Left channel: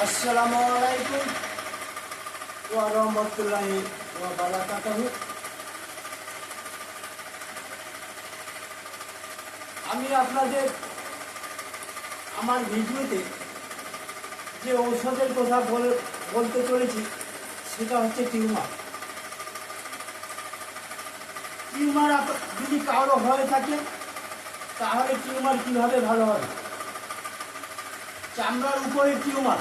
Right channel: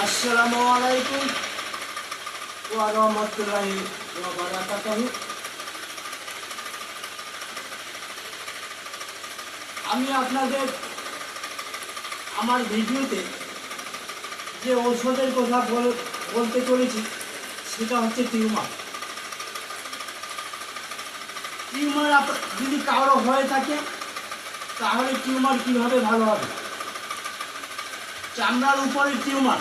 আসসালামু আলাইকুম ওয়া রাহমাতুল্লাহি ওয়া বারাকাতুহু। আমি আপনাদের আমার ভিডিওতে যে ঔষধের কথা বলতে চলেছি সেটা হচ্ছে টিউমার। টিউমার যদি কারো হয়ে থাকে তাহলে টিউমার কীভাবে ভালো হবে? চামড়ার উপরে টিউমার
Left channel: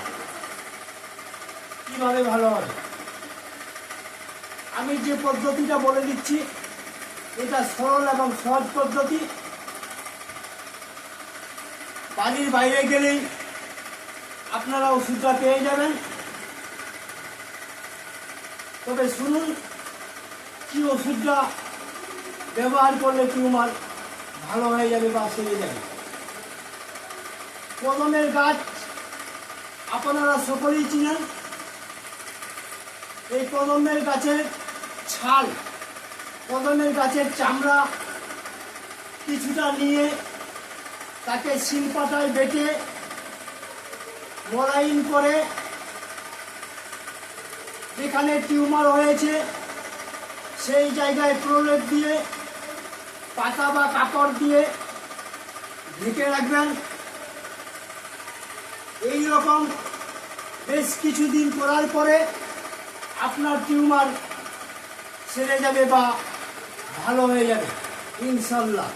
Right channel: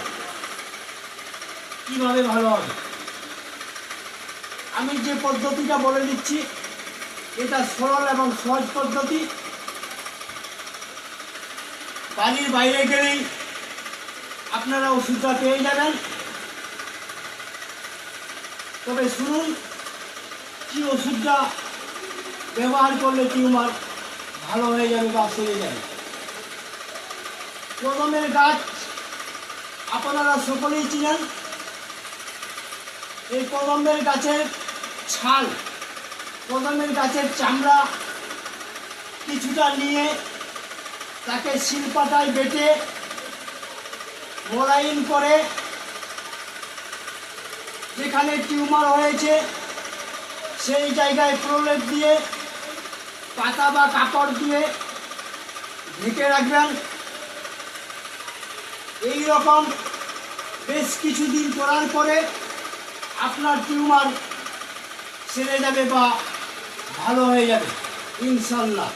কীভাবে ভালো হবে? আমি যে পদ্ধতিটা বলে দিচ্ছি এটা সরল এবং সহজ পদ্ধতি। বাড়ির বাইরে গেলেই আপনারা ওষুধটা পেয়ে যাবেন। তবে শুনুন কি ওষুধটা ব্যবহার করলে টিউমার ভালো হয়ে যাবে বা সেরে যাবে। কদমের গাছ আপনারা সকলেই চিনেন। এই কদমের গাছের ছাল, কদমের গাছের চামড়া কিছুটা নিয়ে তাকে শিলপাটায় বেটে মোলায়েম করে যেখানে টিউমার হয়েছে সেই জায়গায় প্রলেপ দিয়ে পাতা বা কাপড় দিয়ে ঢেকে রাখবেন। এই রকম বেশ কিছুদিন করার পরে আপনার টিউমার সেরে যাবে বা ভালো হয়ে যাবে ইনশাল্লাহ।